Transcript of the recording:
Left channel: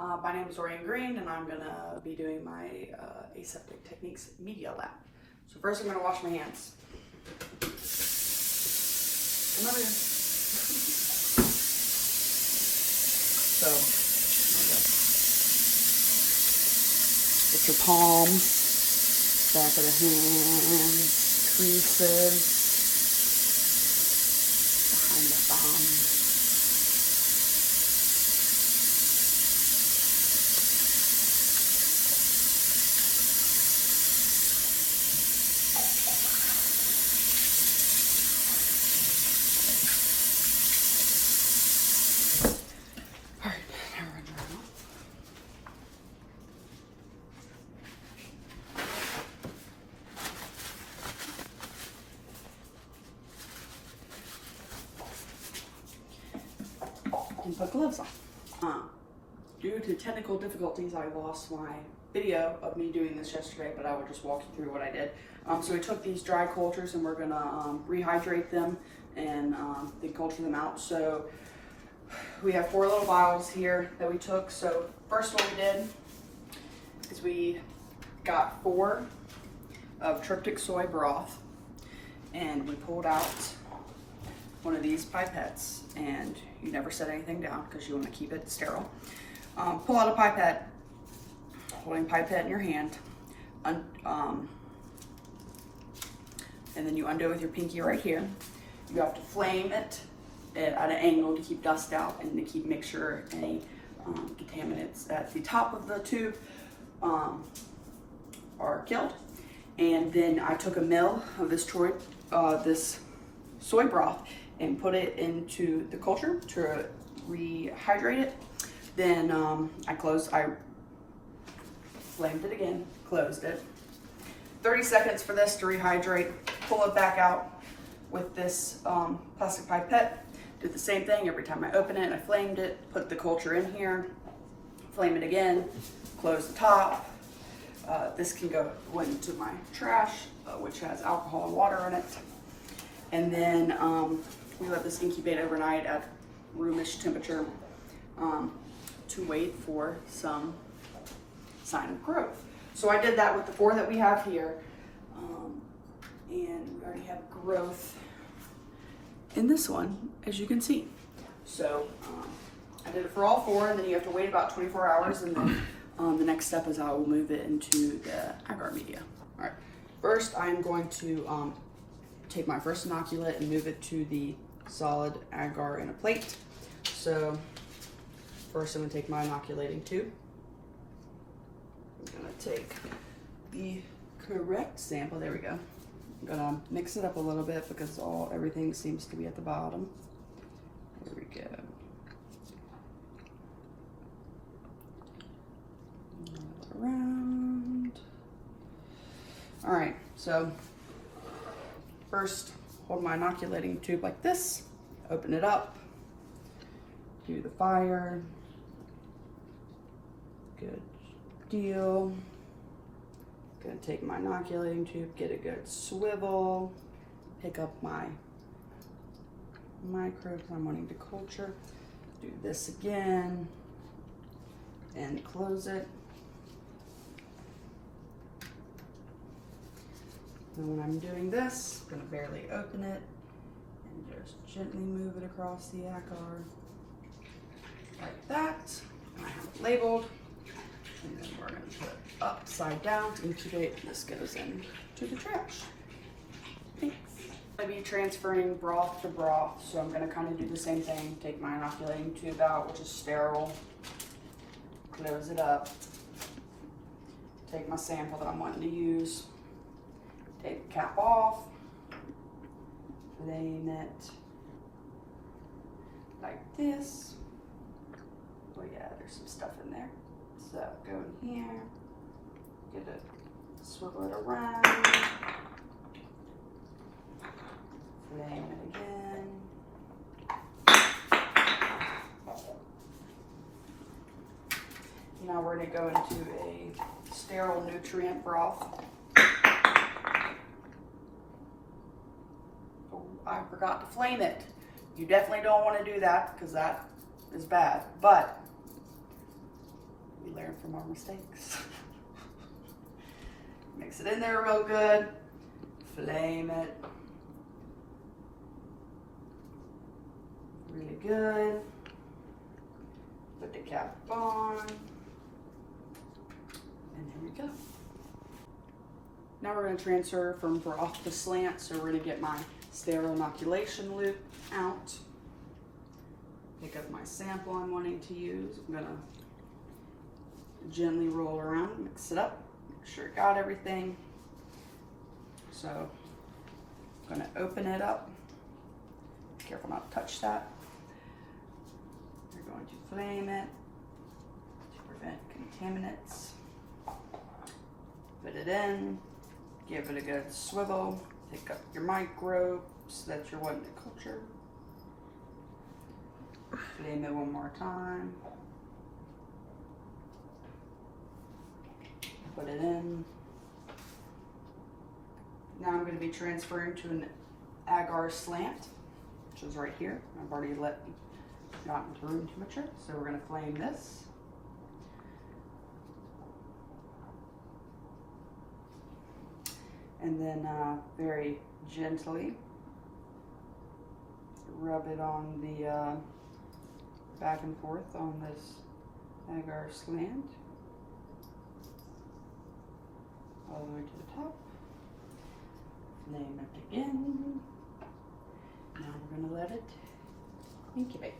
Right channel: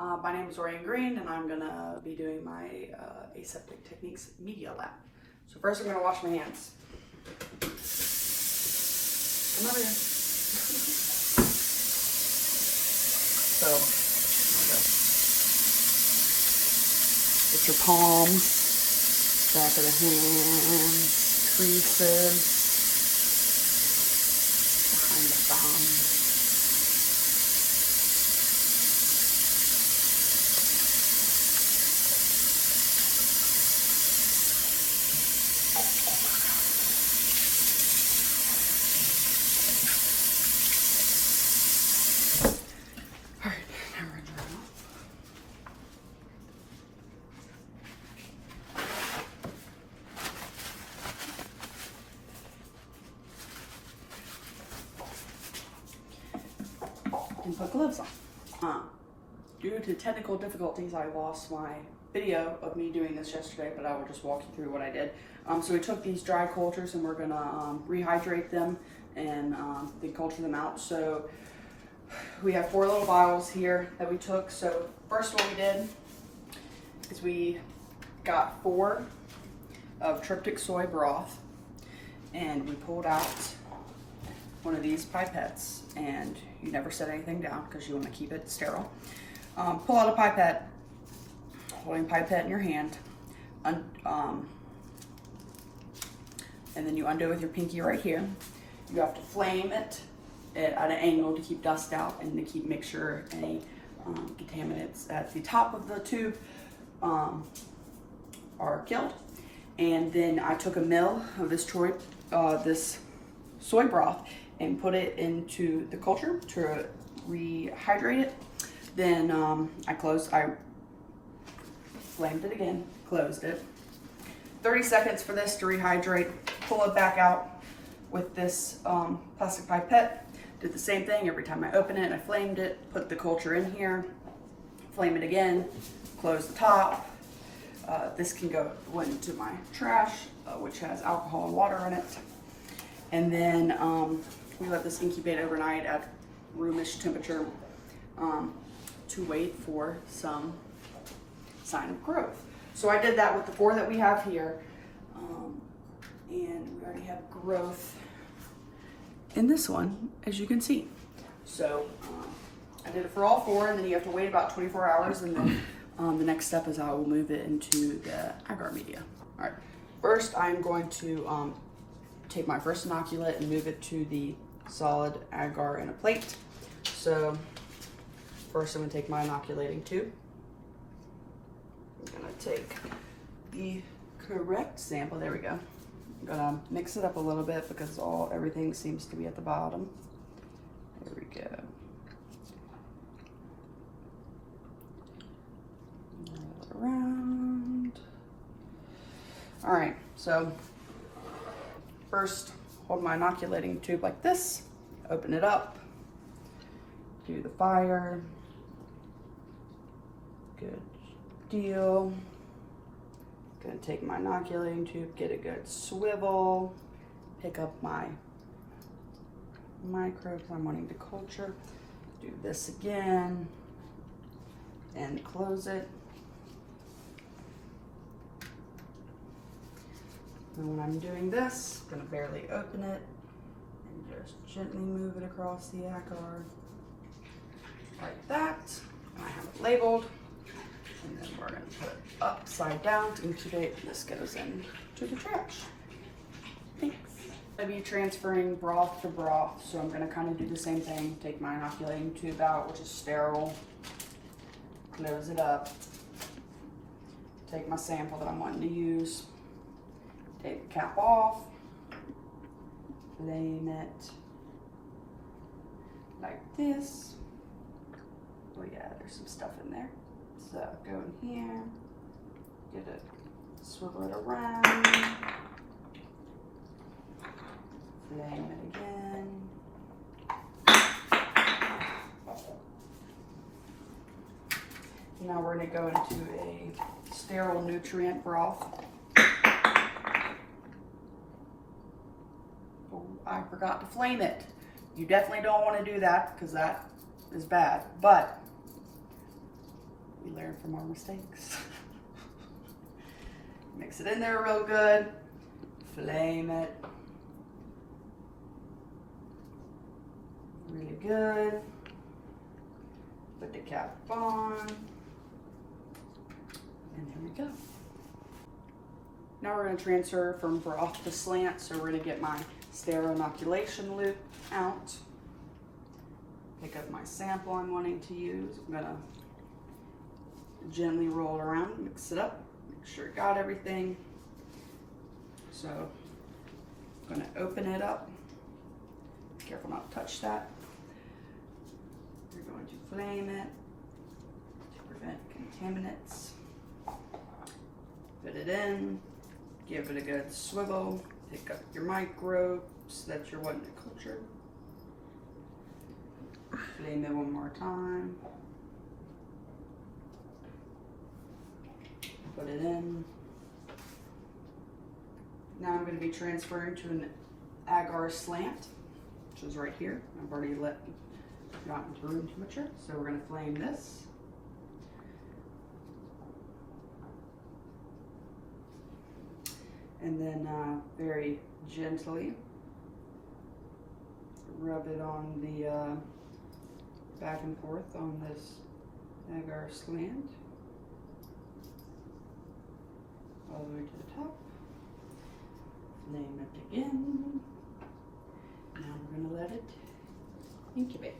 My name is Ryan Green, and I'm gonna be doing my aseptic techniques media lab. So first I'm gonna wash my hands. Come over here. So, there we go. Get your palms, back of the hands, creases, behind the thumb. And put gloves on. Due to technical difficulties, I lost my video of me doing this yesterday, but I will just walk you through what I did. So we took these dry cultures and we're gonna rehydrate them and then culture them out. So we have 4 little vials here that we took. So first what we did is we got 4 of tryptic soy broth and we pulled out one of these pipettes, and you never set anything down because you want to keep it sterile. Pull out a pipette, holding pipette in your hand, and then you undo it with your pinky right here. You have to flame it at an angle to keep dust out and to make sure any contaminants at the top of the tube are killed. And then I took a ml of this soy broth and put it into the culture to rehydrate it. Then I flamed it again, closed it. 30 seconds for this to rehydrate. Pull it back out with this plastic pipette. Did the same thing every time I open it. I flamed it, put the culture in here, flame it again, close the top. This can go into my trash, which has alcohol and water in it. And then we let this incubate overnight at roomish temperature to wait for some sign of growth. So I did that with the 4 that we have here, and we already have growth in this one, as you can see. So I did it for all 4, and then you have to wait about 24 hours, and then the next step is I will move it into the agar media. All right, first I'm going to take my first inoculant and move it to the solid agar in a plate. So first I'm gonna take my inoculating tube. I'm gonna take the correct sample, there we go. I'm gonna mix it up a little bit because everything seems to be at the bottom. There we go. Around. All right, so first, hold my inoculating tube like this, open it up, do the fire, good deal. Gonna take my inoculating tube, get a good swivel, pick up my microbes I'm wanting to culture, do this again, and close it. And when I'm doing this, I'm gonna barely open it and just gently move it across the agar like that. And I have it labeled. And then we're gonna put it upside down to incubate. This goes into the trash. Thanks. I'm gonna be transferring broth to broth, so I'm gonna kind of do the same thing. Take my inoculating tube out, which is sterile. Close it up. Take my sample that I'm wanting to use. Take the cap off, flame it like this. Oh yeah, there's some stuff in there. So go in here, get it, swivel it around, flame it again. Now we're gonna go into a sterile nutrient broth. I forgot to flame it. You definitely don't want to do that because that is bad. But learn from our mistakes. Mix it in there real good. Flame it. Really good. Put the cap on. And there we go. Now we're going to transfer from broth to slant. So we're going to get my sterile inoculation loop out. Pick up my sample I'm wanting to use. I'm going to gently roll around, mix it up, make sure it got everything. So I'm going to open it up. Be careful not to touch that. You're going to flame it to prevent contaminants. Put it in, give it a good swivel, pick up your microbes that you're wanting to culture. Flame it one more time. Put it in. Now I'm going to be transferring to an agar slant, which is right here. I've already gotten to room temperature, so we're going to flame this. And then very gently rub it on the back and forth on this agar slant all the way to the top. Flame it again. Now we're going to let it incubate.